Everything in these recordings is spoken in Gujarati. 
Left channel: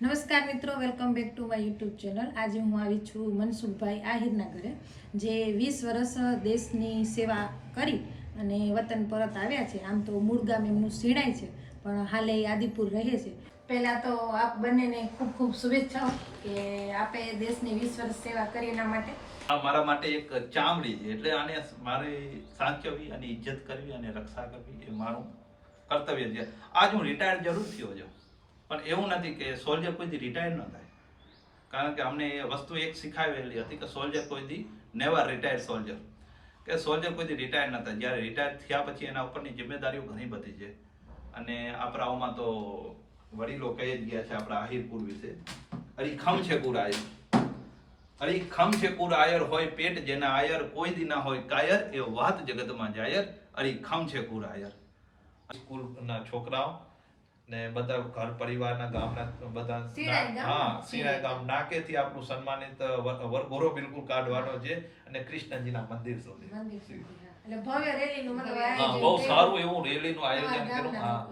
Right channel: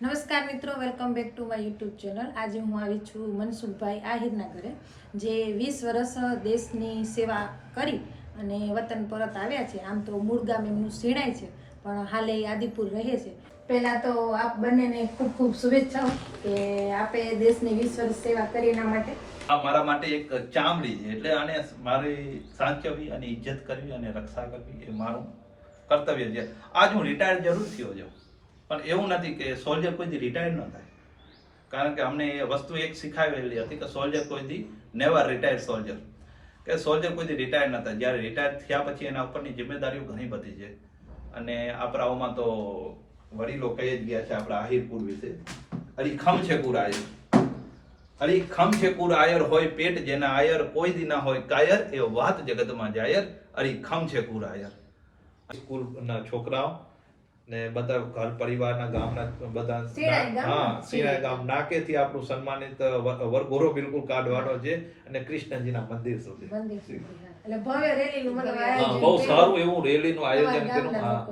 નમસ્કાર મિત્રો welcome back to my YouTube channel આજે હું આવી છું મનસુખભાઈ આહિરના ઘરે, જે વીસ વર્ષ દેશની સેવા કરી અને વતન પરત આવ્યા છે. આમ તો મૂળ ગામ એમનું શિણાય છે, પણ હાલે આદિપુર રહે છે. પહેલાં તો આપ બંનેને ખૂબ ખૂબ શુભેચ્છાઓ કે આપે દેશની વીસ વર્ષ સેવા કરી એના માટે. આ મારા માટે એક ચામડી છે, એટલે આને મારી સાચવવી અને ઇજ્જત કરવી અને રક્ષા કરવી એ મારું કર્તવ્ય છે. આજ હું રિટાયર જરૂર થયો છું પણ એવું નથી કે સોલ્જર કોઈથી રિટાયર ન થાય. કારણ કે અમને એ વસ્તુ એક શીખાવેલી હતી કે સોલ્જર કોઈથી નેવર રિટાયર સોલ્જર કે સોલ્જર કોઈથી રિટાયર ન થાય. જ્યારે રિટાયર થયા પછી એના ઉપરની જિમ્મેદારીઓ ઘણી બધી છે. અને આપણાઓમાં તો વડીલો કહી જ ગયા છે આપણા આહિરપુર વિશે અરીખમ છે કુરાય અરી ખમ છે કુર આયર હોય પેટ જેના આયર કોઈ દી ના હોય કાયર, એ વાત જગતમાં જાયર. અરી ખમ છે કુર આયર. સ્કૂલના છોકરાઓ ને બધા ઘર પરિવારના ગામના બધા હા શિણાય ગામ નાકેથી આપણું સન્માનિત વરઘોરો બિલકુલ કાઢવાનો છે અને કૃષ્ણજીના મંદિર સુધી. હા. એટલે ભવ્ય રેલીનું બહુ સારું એવું રેલીનું નું આયોજન કર્યું.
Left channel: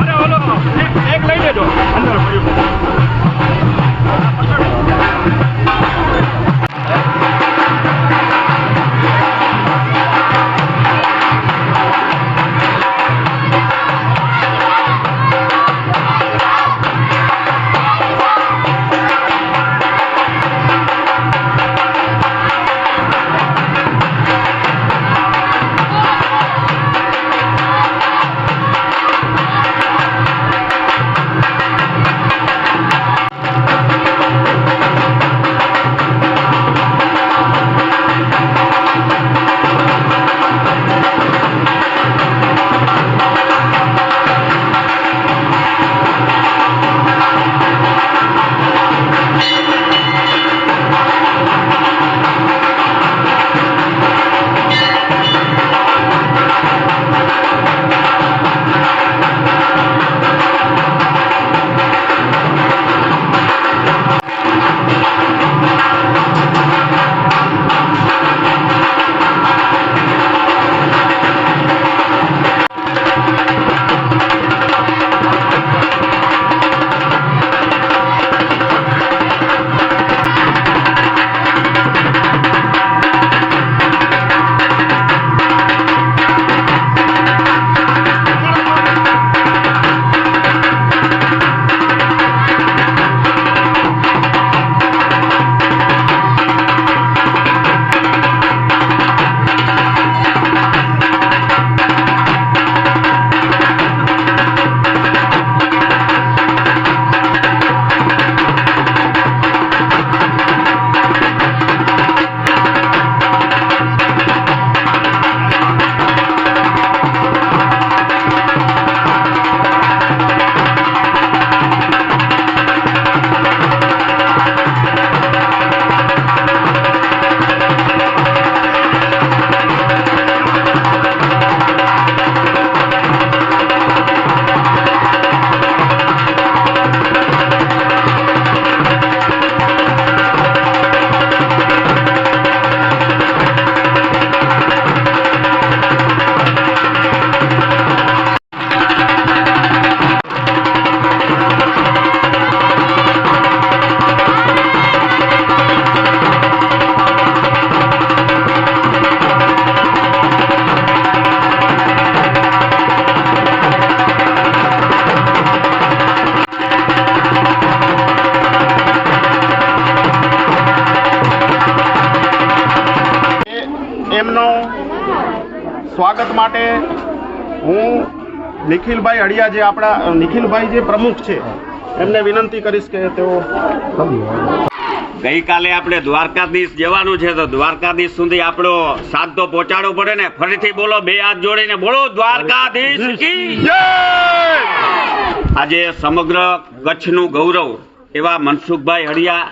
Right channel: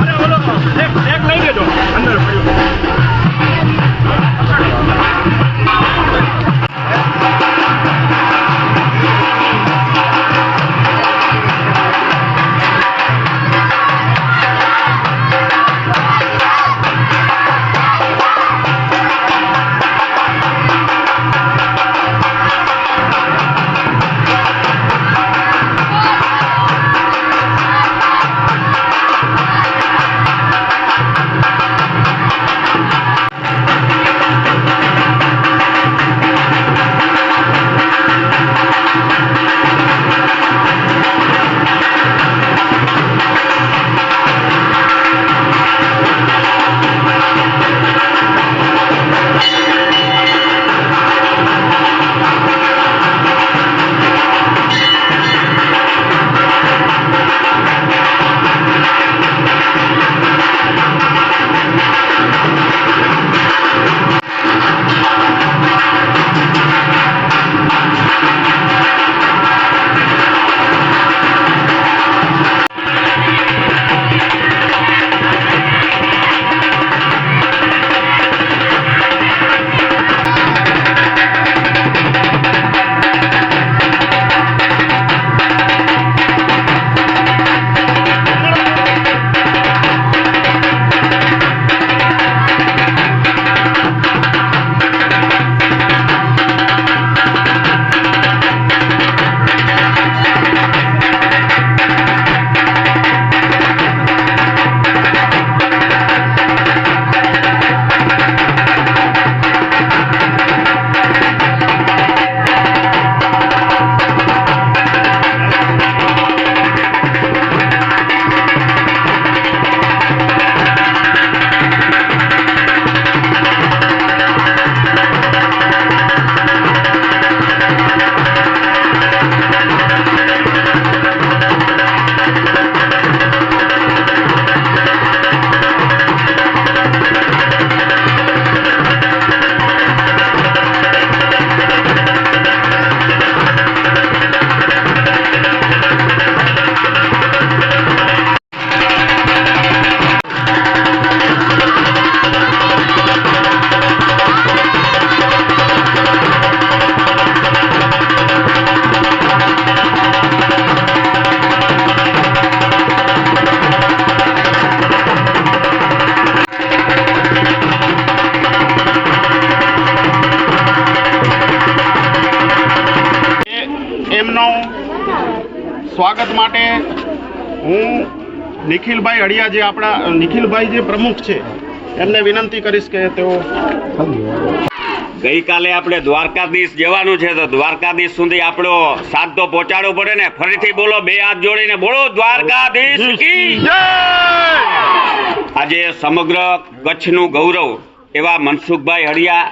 અરે ઓલો એક એક લઈ લેજો. અંદર પડ્યું એમનો સ્વાગત માટે હું નિખિલભાઈ અડિયા જે આપણા, નિખિલભાઈ જે પ્રમુખ છે, એમને વિનંતી કરીશ કે તેઓ ગઈકાલે આપણે દ્વારકાધીશ જવાનું છે તો દ્વારકાધીશ સુધી આપણો સાથ તો પહોંચાડવો પડે ને. ફરીથી બોલો, બે હાથ જોડીને બોલો, દ્વારકાધીશ આજે સમગ્ર કચ્છનું ગૌરવ એવા મનસુખભાઈ હળિયા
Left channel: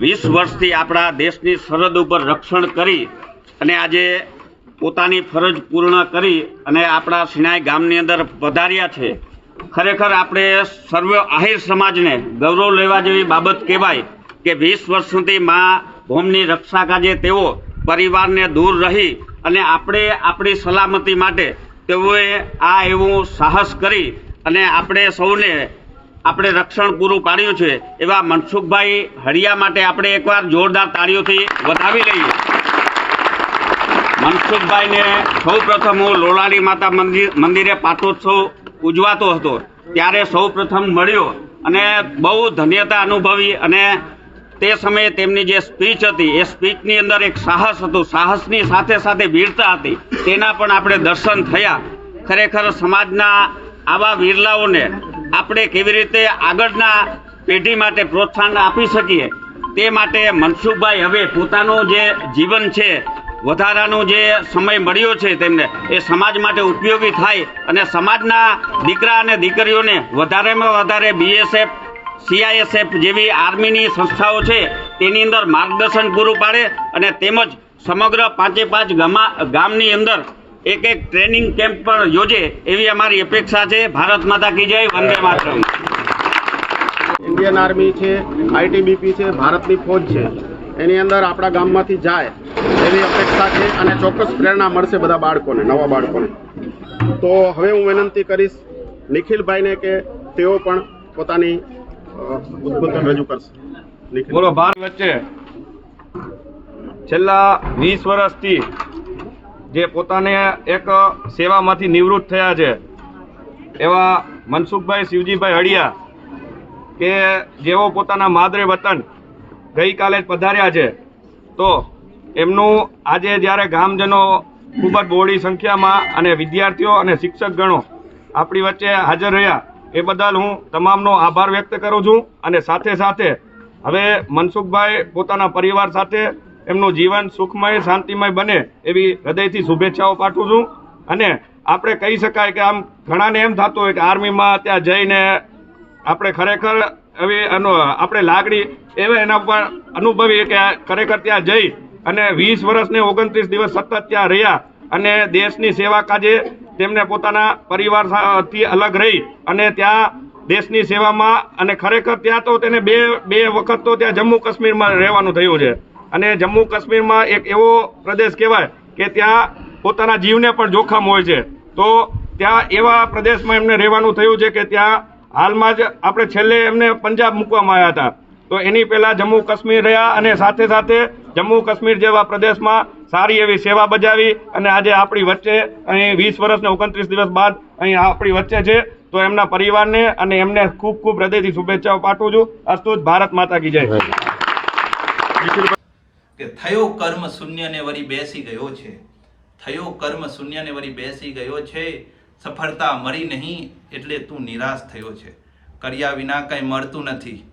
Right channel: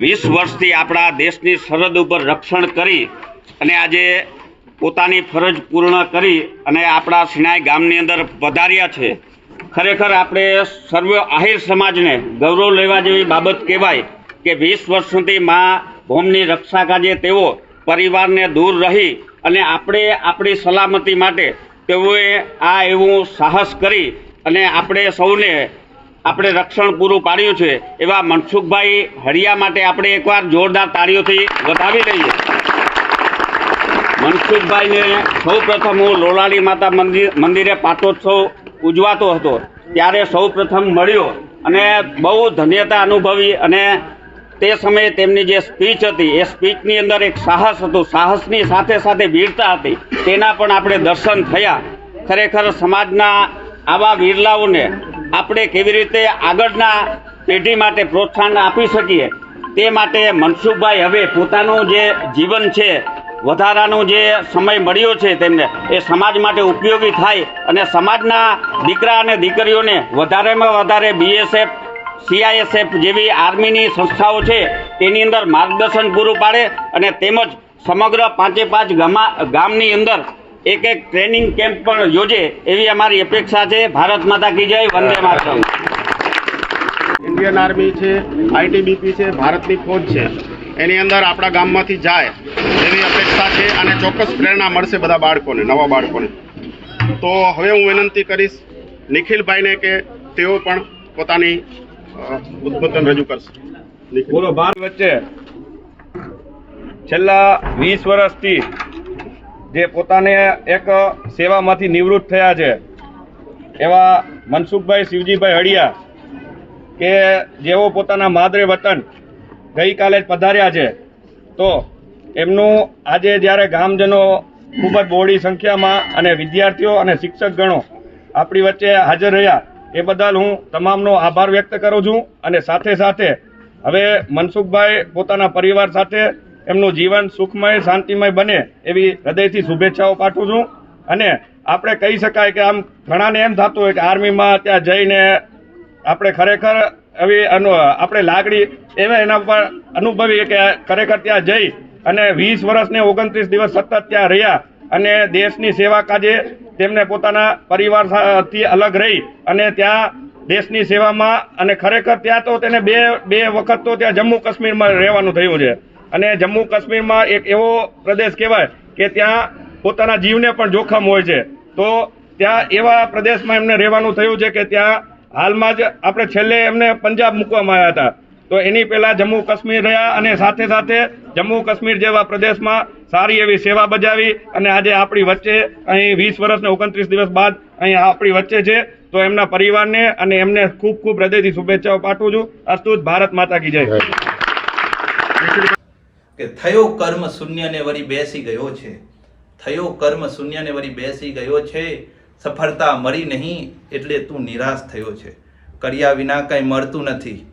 વીસ વર્ષથી આપણા દેશની સરહદ ઉપર રક્ષણ કરી અને આજે પોતાની ફરજ પૂર્ણ કરી અને આપણા સિનાઈ ગામની અંદર પધાર્યા છે. ખરેખર આપણે સર્વ આહિર સમાજને ગૌરવ લેવા જેવી બાબત કહેવાય કે વીસ વર્ષ સુધી મા ભૂમની રક્ષા કાજે તેઓ પરિવારને દૂર રહી અને આપણે આપણી સલામતી માટે તેઓએ આ એવું સાહસ કરી અને આપણે સૌને આપણે રક્ષણ પૂરું પાડ્યું છે એવા મનસુખભાઈ હળિયા માટે આપણે એકવાર જોરદાર તાળીઓથી વધાવી લઈએ. મનસુખભાઈને સૌ પ્રથમ હું લોલાલી માતા મંદિર મંદિરે પાટોત્સવ ઉજવાતો હતો. ત્યારે સૌ પ્રથમ મળ્યો અને બહુ ધન્યતા અનુભવી અને તે સમયે તેમની જે સ્પીચ હતી, એ સ્પીચની અંદર એક સાહસ હતું. સાહસની સાથે સાથે વીરતા હતી. તેના પણ આપણે દર્શન થયા. ખરેખર સમાજના આવા વીરલાઓને આપણે કેવી રીતે આગળના પેઢી માટે પ્રોત્સાહન આપી શકીએ તે માટે મનસુખભાઈ હવે પોતાનું જે જીવન છે વધારાનો જે સમય મળ્યો છે તેમને, એ સમાજ માટે ઉપયોગી થાય અને સમાજના દીકરા અને દીકરીઓને વધારેમાં વધારે બીએસએફ સીઆઈએસએફ જેવી આર્મીની સંસ્થાઓ છે, તેની અંદર માર્ગદર્શન પૂરું પાડે અને તેમજ સમગ્ર પાંચે પાંચ ગામા, ગામની અંદર એક એક ટ્રેનિંગ કેમ્પ પણ યોજે એવી અમારી અપેક્ષા છે. ભારત માતા કી જય, વંદે માતરમ. ઇન્ડિયન આર્મી છે આઈટીબીપી છે, ભારતની ફોજ છે. એની અંદર આપણા ગામમાંથી જાય એવી અપેક્ષા છે અને ચોક્કસ પ્રેરણા મળશે બધા બાળકોને, નવા બાળકોને તો હવે હું વિનંતી કરીશ નિખિલભાઈને કે તેઓ પણ પોતાની ઉદ્બોધન રજૂ કરશે. પૂરો ભારત વચ્ચે છેલ્લા વીસ વર્ષથી જે પોતાને એક સેવામાંથી નિવૃત્ત થયા છે, એવા મનસુખભાઈ, શિવજીભાઈ હળિયા કે જેઓ પોતાના માદરે વતન ગઈકાલે જ પધાર્યા છે. તો એમનું આજે જ્યારે ગામજનો ખૂબ જ બહોળી સંખ્યામાં અને વિદ્યાર્થીઓ અને શિક્ષક ગણો આપણી વચ્ચે હાજર રહ્યા, એ બદલ હું તમામનો આભાર વ્યક્ત કરું છું અને સાથે સાથે હવે મનસુખભાઈ પોતાના પરિવાર સાથે એમનું જીવન સુખમય, શાંતિમય બને એવી હૃદયથી શુભેચ્છાઓ પાઠવું છું. અને આપણે કહી શકાય કે આમ ઘણાને એમ થતું હોય કે આર્મીમાં ત્યાં જઈને આપણે ખરેખર અનુ આપણે લાગણી એવા એના ઉપર અનુભવી કે ખરેખર ત્યાં જઈ અને વીસ વર્ષ ને ઓગણત્રીસ દિવસ સતત ત્યાં રહ્યા અને દેશની સેવા કાજે તેમને પોતાના પરિવારથી અલગ રહી અને ત્યાં દેશની સેવામાં અને ખરેખર ત્યાં તો તેને બે બે વખત તો ત્યાં જમ્મુ કાશ્મીરમાં રહેવાનું થયું છે. અને જમ્મુ કાશ્મીરમાં એક એવો પ્રદેશ કહેવાય કે ત્યાં પોતાના જીવને પણ જોખમ હોય છે. તો ત્યાં એવા પ્રદેશમાં એમને રહેવાનું થયું છે કે ત્યાં હાલમાં જ આપણે છેલ્લે એમને પંજાબ મૂકવામાં આવ્યા હતા. તો એની પહેલા જમ્મુ કાશ્મીર રહ્યા અને સાથે સાથે જમ્મુ કાશ્મીર જેવા પ્રદેશમાં સારી એવી સેવા બજાવી અને આજે આપણી વચ્ચે અહીં વીસ વર્ષ ને ઓગણત્રીસ દિવસ બાદ અહીં આપણી વચ્ચે છે. તો એમના પરિવારને અને એમને ખૂબ ખૂબ હૃદયથી શુભેચ્છાઓ પાઠવું છું. અસ્તુત ભારત માતા કી જય. કે થયો કર્મ શૂન્ય ને વળી બેસી ગયો છે. થયો કર્મ શૂન્ય ને વળી બેસી ગયો છે. સફળતા મળી નહીં એટલે તું નિરાશ થયો છે. કર્યા વિના કંઈ મળતું નથી.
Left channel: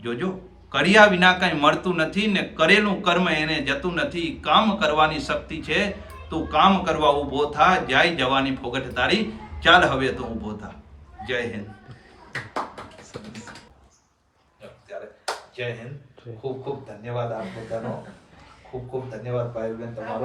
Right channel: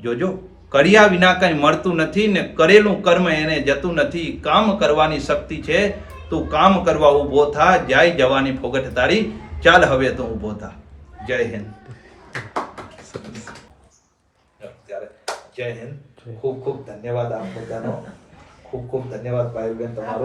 જોજો કર્યા વિના કંઈ મળતું નથી ને કરેલું કર્મ એને જતું નથી. કામ કરવાની શક્તિ છે તું કામ કરવા ઊભો થા જાય જવાની ફોગટ તારી. ચાલ હવે તો ઊભો થા. જય હિન્દ. જય હિન્દ. ખૂબ ખૂબ ધન્યવાદ આપ બધાનો. ખૂબ ખૂબ ધન્યવાદ ભાઈ બેન તમારો.